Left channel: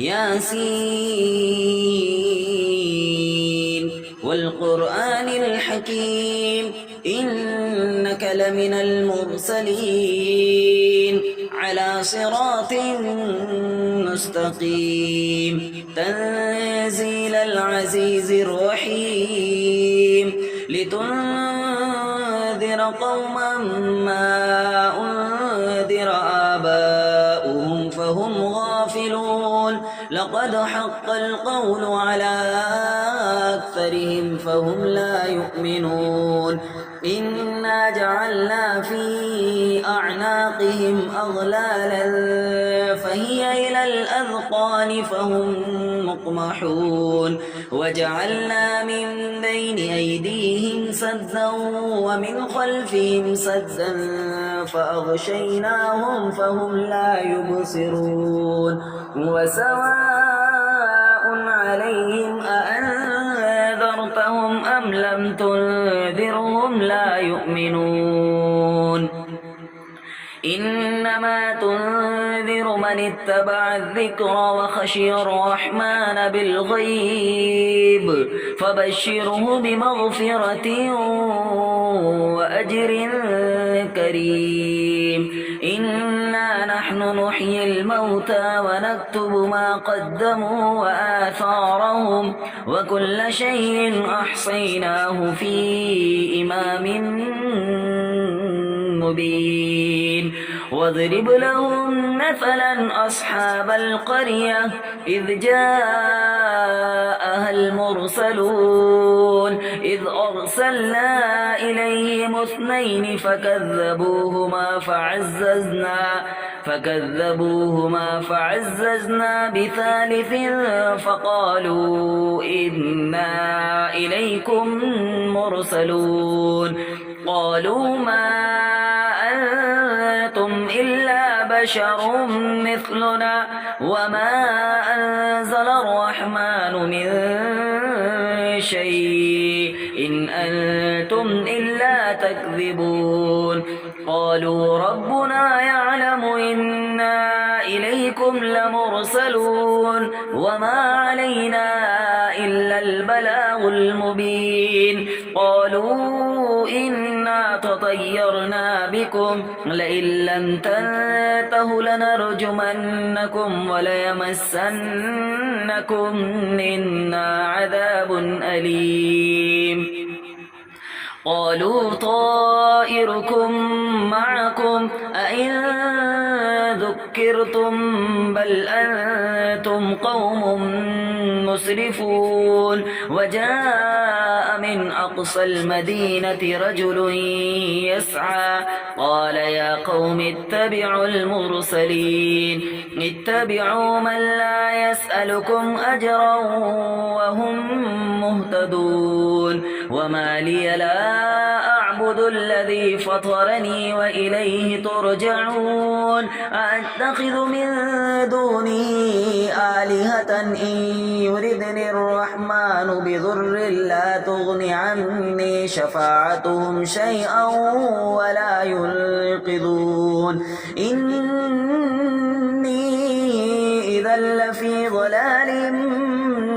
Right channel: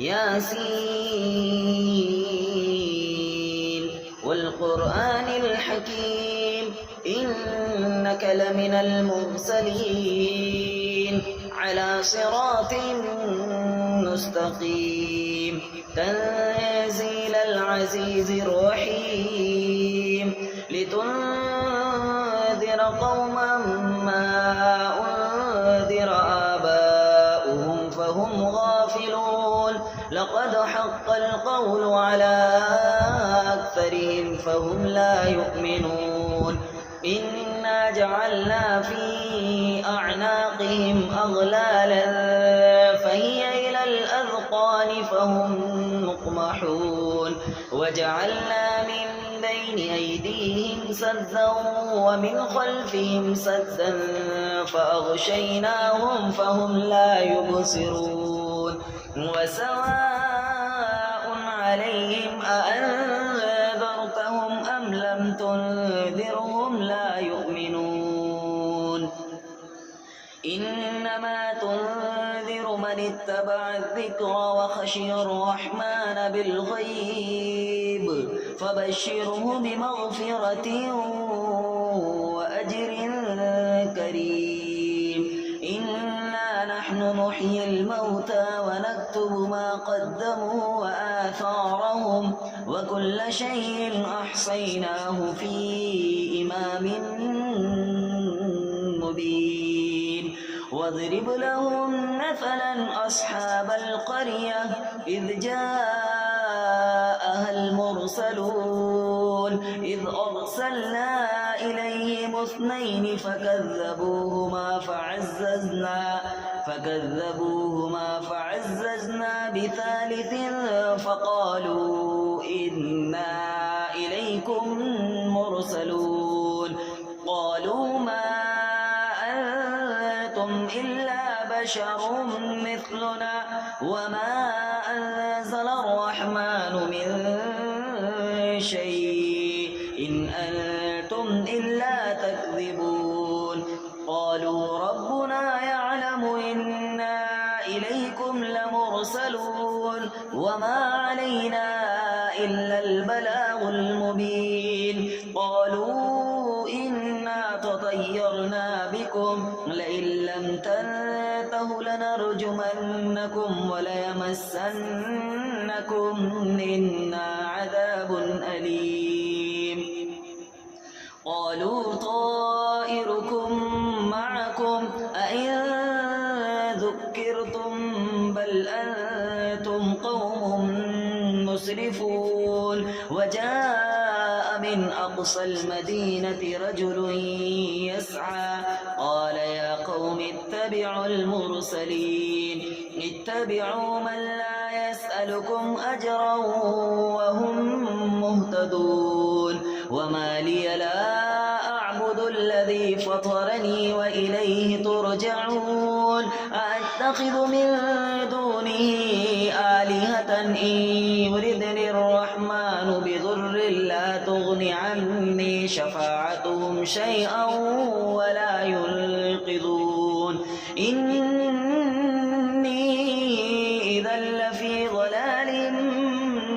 ياسين والقرآن الحكيم إنك لمن المرسلين على صراط مستقيم تنزيل العزيز الرحيم لتنذر قوما ما أنذر آباؤهم فهم غافلون لقد حق القول على أكثرهم فهم لا يؤمنون إنا جعلنا في أعناقهم أغلالا فهي إلى الأذقان فهم مقمحون وجعلنا من بين أيديهم سدا ومن خلفهم سدا فأغشيناهم فهم لا يبصرون وسواء عليهم أأنذرتهم أم لم تنذرهم لا يؤمنون إنما تنذر من اتبع الذكر وخشي الرحمن بالغيب فبشره بمغفرة وأجر كريم إنا نحن نحيي الموتى ونكتب ما قدموا وآثارهم وكل شيء أحصيناه في إمام مبين واضرب لهم مثلا أصحاب القرية إذ جاءها المرسلون إذ أرسلنا إليهم اثنين فكذبوهما فعززنا بثالث فقالوا إنا إليكم مرسلون قالوا ما أنتم إلا بشر مثلنا وما أنزل الرحمن من شيء إن أنتم إلا تكذبون قالوا ربنا يعلم إنا إليكم لمرسلون وما علينا إلا البلاغ المبين قالوا إنا تطيرنا بكم لئن لم تنتهوا لنرجمنكم وليمسنكم منا عذاب أليم قالوا طائركم معكم أئن ذكرتم بل أنتم قوم مسرفون وجاء من أقصى المدينة رجل يسعى قال يا قوم اتبعوا المرسلين اتبعوا من لا يسألكم أجرا وهم مهتدون وما لي لا أعبد الذي فطرني وإليه ترجعون أأتخذ من دونه آلهة إن يردني الرحمن بضر لا تغن عني شفاعتهم شيئا ولا ينقذون إني إذا لفي ضلال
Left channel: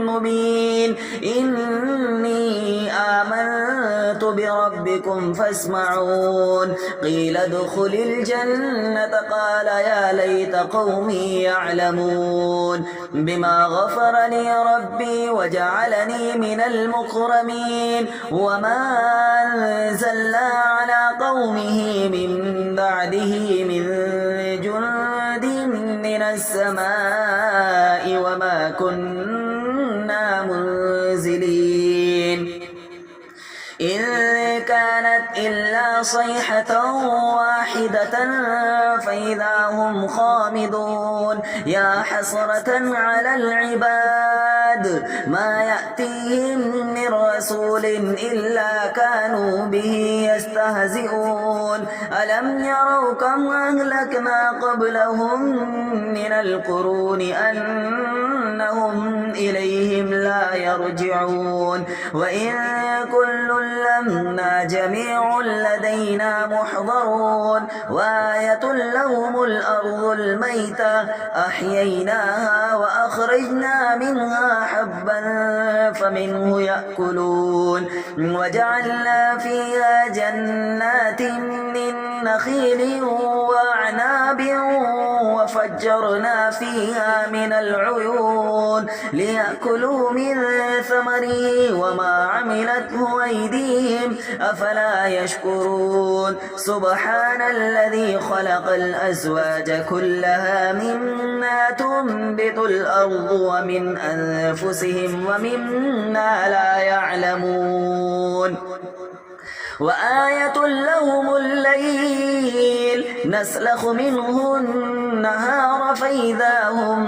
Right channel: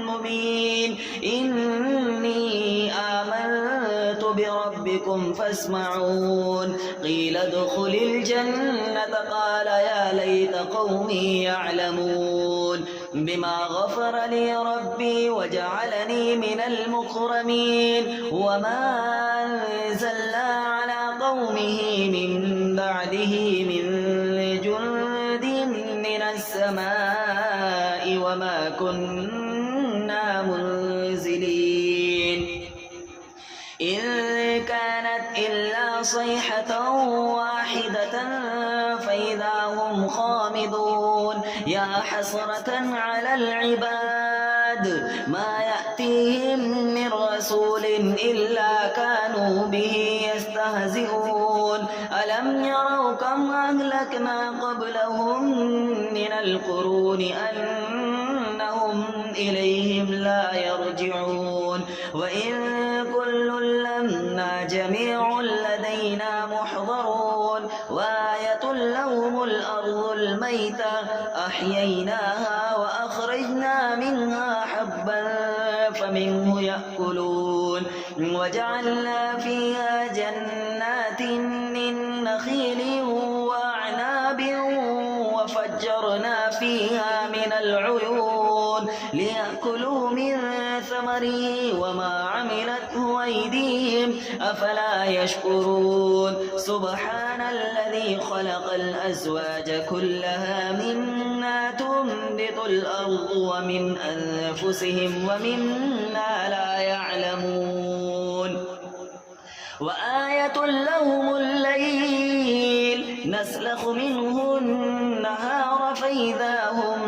مبين إني آمنت بربكم فاسمعون قيل ادخل الجنة قال يا ليت قومي يعلمون بما غفر لي ربي وجعلني من المكرمين وما أنزلنا على قومه من بعده من جند من السماء وما كنا منزلين إن كانت إلا صيحة واحدة فإذا هم خامدون يا حسرة على العباد ما يأتيهم من رسول إلا كانوا به يستهزئون ألم يروا كم أهلكنا قبلهم من القرون أنهم إليهم لا يرجعون وإن كل لما جميع لدينا محضرون وآية لهم الأرض الميتة أحييناها وأخرجنا منها حبا فمنه يأكلون وجعلنا فيها جنات من نخيل وأعناب وفجرنا فيها من العيون ليأكلوا من ثمره وما عملته أيديهم أفلا يشكرون سبحان الذي خلق الأزواج كلها مما تنبت الأرض ومن أنفسهم ومما لا يعلمون وآية لهم الليل نسلخ منه النهار فإذا هم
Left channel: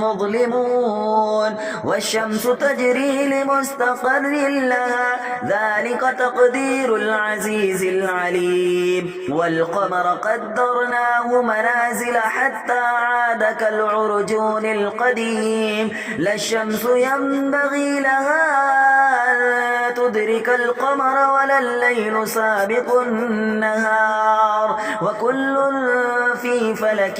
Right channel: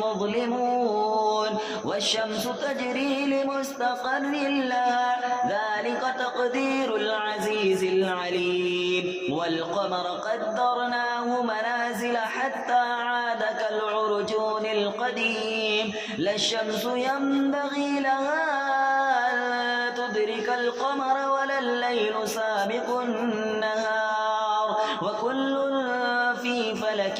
مظلمون والشمس تجري لمستقر لها ذلك تقدير العزيز العليم والقمر قدرناه منازل حتى عاد كالعرجون القديم لا الشمس ينبغي لها أن تدرك القمر ولا الليل سابق النهار وكل في فلك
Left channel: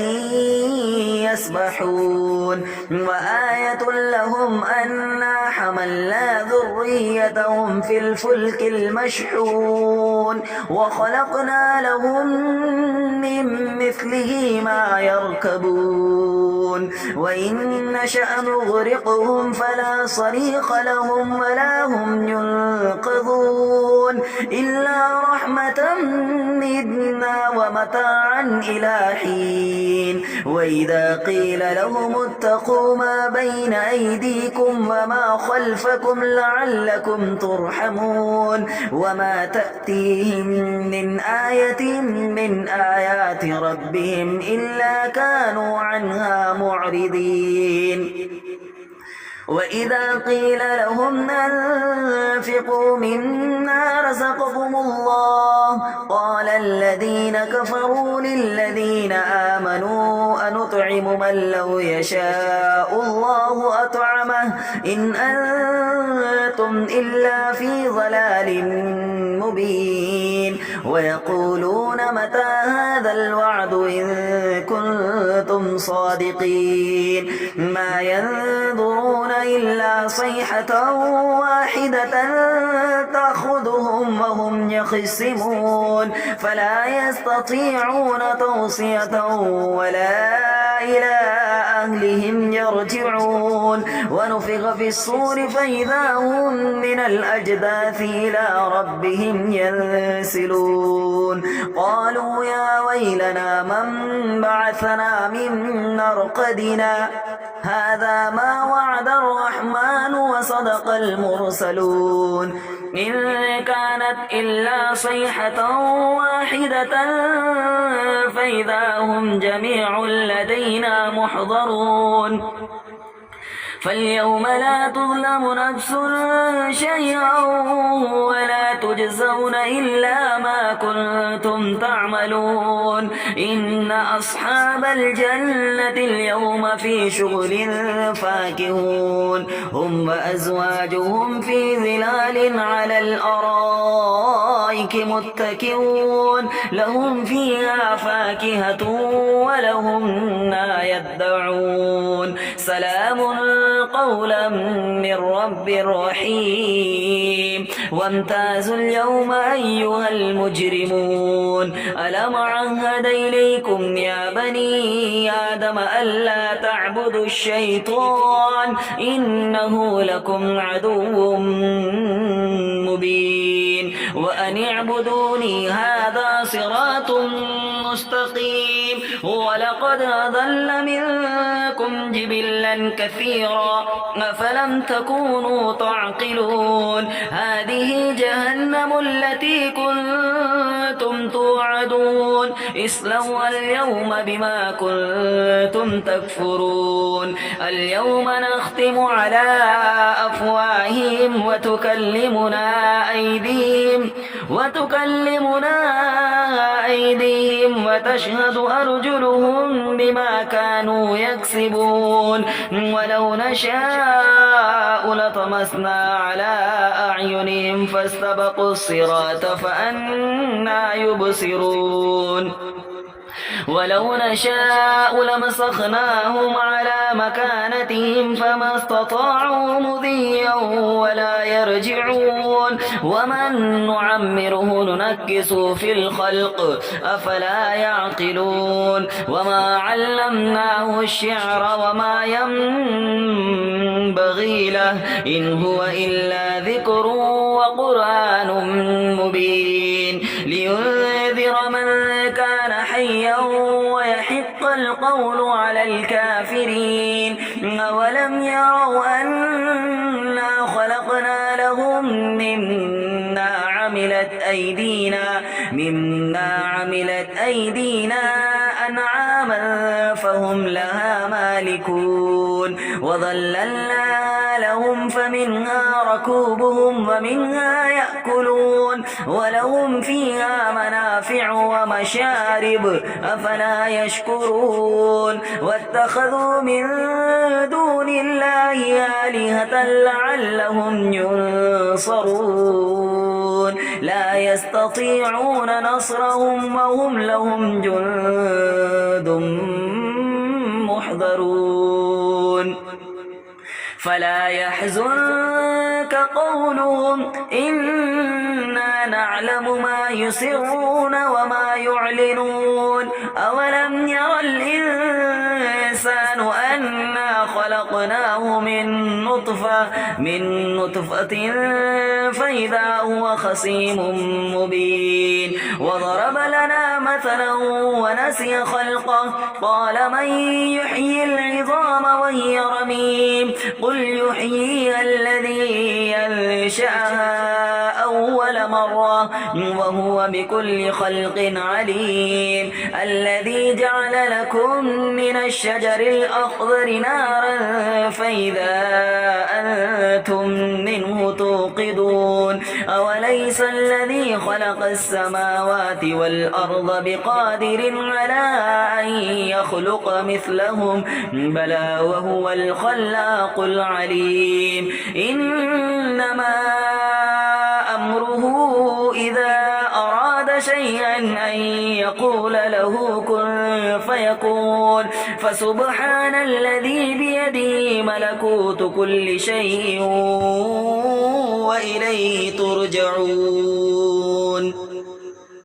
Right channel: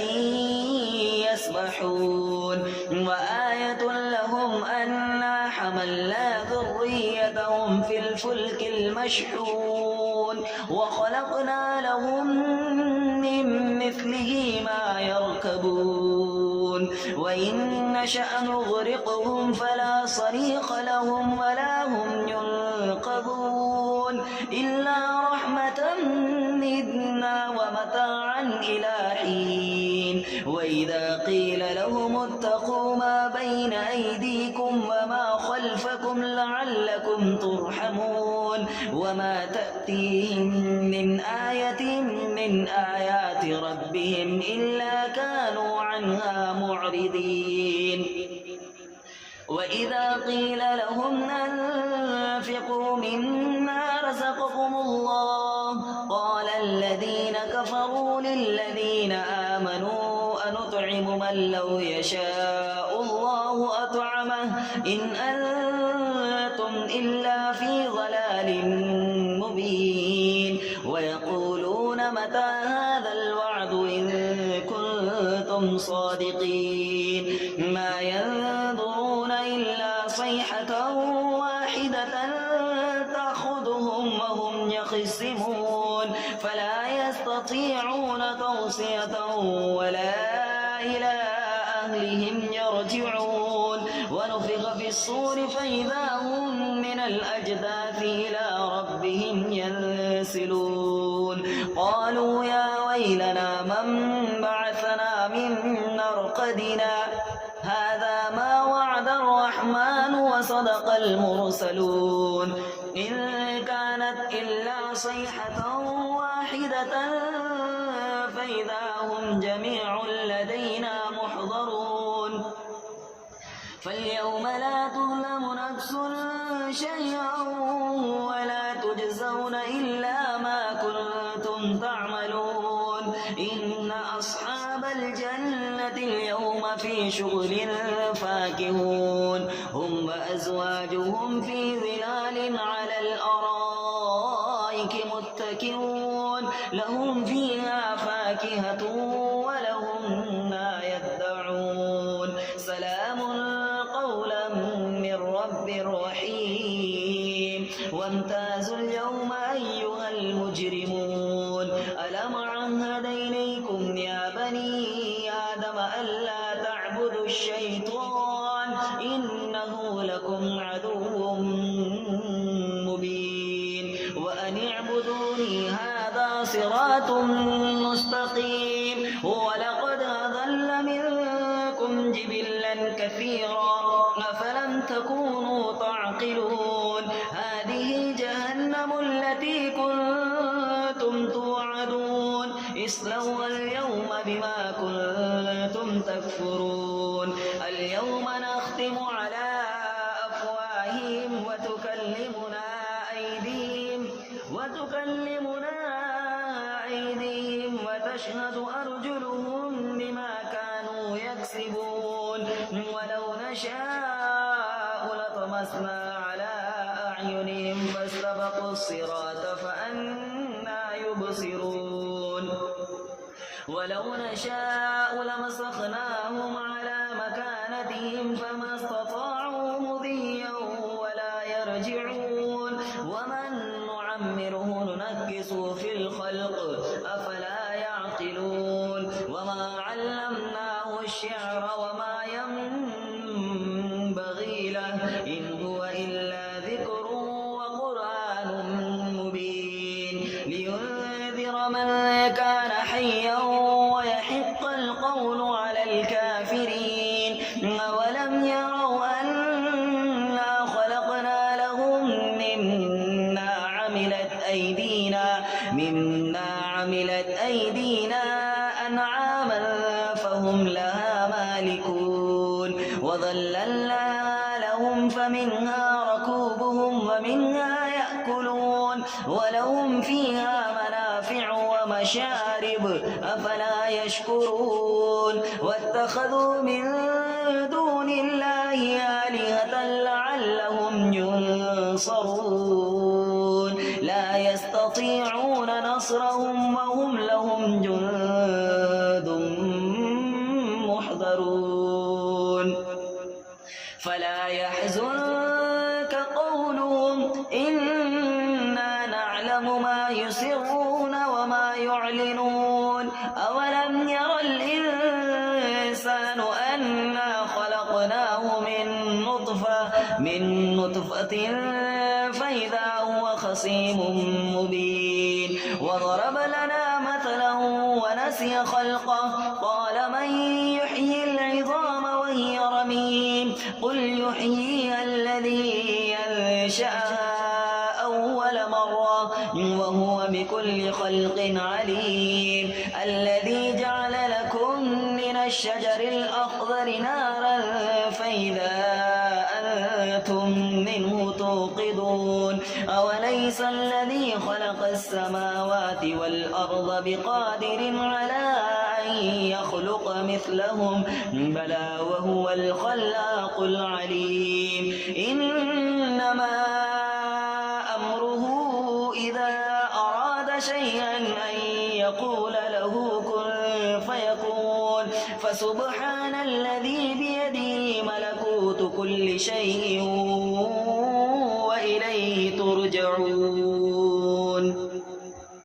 يسبحون وآية لهم أنا حملنا ذريتهم في الفلك المشحون وخلقنا لهم من مثله ما يركبون وإن نشأ نغرقهم فلا صريخ لهم ولا هم ينقذون إلا رحمة منا ومتاعا إلى حين وإذا قيل لهم اتقوا ما بين أيديكم وما خلفكم لعلكم ترحمون وما تأتيهم من آية من آيات ربهم إلا كانوا عنها معرضين وإذا قيل لهم أنفقوا مما رزقكم الله قال الذين كفروا للذين آمنوا أنطعم من لو يشاء الله أطعمه إن أنتم إلا في ضلال مبين ويقولون متى هذا الوعد إن كنتم صادقين ما ينظرون إلا صيحة واحدة تأخذهم وهم يخصمون فلا يستطيعون توصية ولا إلى أهلهم يرجعون ونفخ في الصور فإذا هم من الأجداث إلى ربهم ينسلون قالوا يا ويلنا من بعثنا من مرقدنا هذا ما وعد الرحمن وصدق المرسلون إن كانت إلا صيحة واحدة فإذا هم جميع لدينا محضرون فاليوم لا تظلم نفس شيئا ولا تجزون إلا ما كنتم تعملون إن أصحاب الجنة اليوم في شغل فاكهون هم وأزواجهم في ظلال على الأرائك متكئون لهم فيها فاكهة ولهم ما يدعون سلام قولا من رب رحيم وامتازوا اليوم أيها المجرمون ألم عهد إليكم يا بني آدم ألا تعبدوا الشيطان إنه لكم عدو مبين وأن اعبدوني هذا صراط مستقيم ولقد أضل منكم جبلا كثيرا أفلم تكونوا تعقلون هذه جهنم التي كنتم توعدون اصلوها اليوم بما كنتم تكفرون اليوم نختم على أفواههم وتكلمنا أيديهم وتشهد أرجلهم بما كانوا يكسبون ولو نشاء لطمسنا على أعينهم فاستبقوا الصراط فأنى يبصرون ولو نشاء لمسخناهم على مكانتهم فما استطاعوا مضيا ولا يرجعون ومن نعمره ننكسه في الخلق أفلا يعقلون وما علمناه الشعر وما ينبغي له إن هو إلا ذكر وقرآن مبين لينذر من كان حيا ويحق القول على الكافرين أولم يروا أنا خلقنا لهم مما عملت أيدينا أنعاما فهم لها مالكون وظللنا لهم فمنها ركوبهم ومنها يأكلون ولهم فيها منافع ومشارب أفلا يشكرون واتخذوا من دون الله آلهة لعلهم ينصرون لا يستطيعون نصرهم وهم لهم جند محضرون فلا يحزنك قولهم إنا نعلم ما يسرون وما يعلنون أولم ير الإنسان أنا خلقناه من نطفة فإذا هو خصيم مبين وضرب لنا مثلا ونسي خلقه قال من يحيي العظام وهي رميم قل يحييها الذي ينشأها أول مرة وهو بكل خلق عليم الذي جعل لكم من الشجر الأخضر نارا فإذا أنتم منه توقدون أوليس الذي خلق السماوات والأرض بقادر على أن يخلق مثلهم بلى وهو الخلاق العليم إنما أمره إذا أراد شيئا أن يقول له كن فيكون فسبحان الذي بيده ملكوت كل شيء وإليه ترجعون